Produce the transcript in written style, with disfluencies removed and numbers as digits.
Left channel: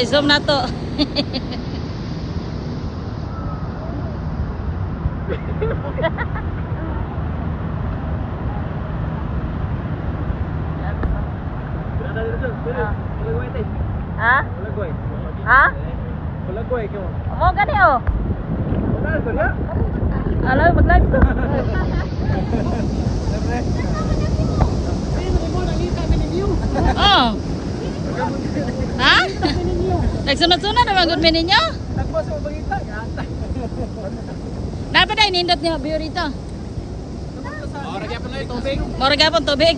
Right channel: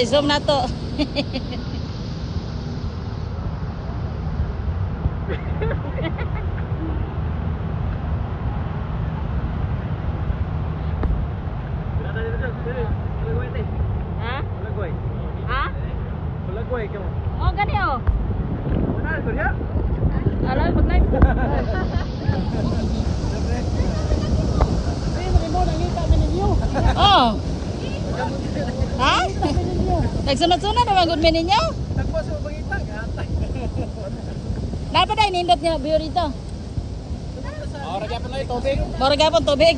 day, zoom na to. Ha? Ha? Mo gani oh. Alam mag-live to. Oh. Ha? Nagsunod-sunod naman good meaning niyo? Dapat ay nindot niyo view dito. Mora gyapon tubig.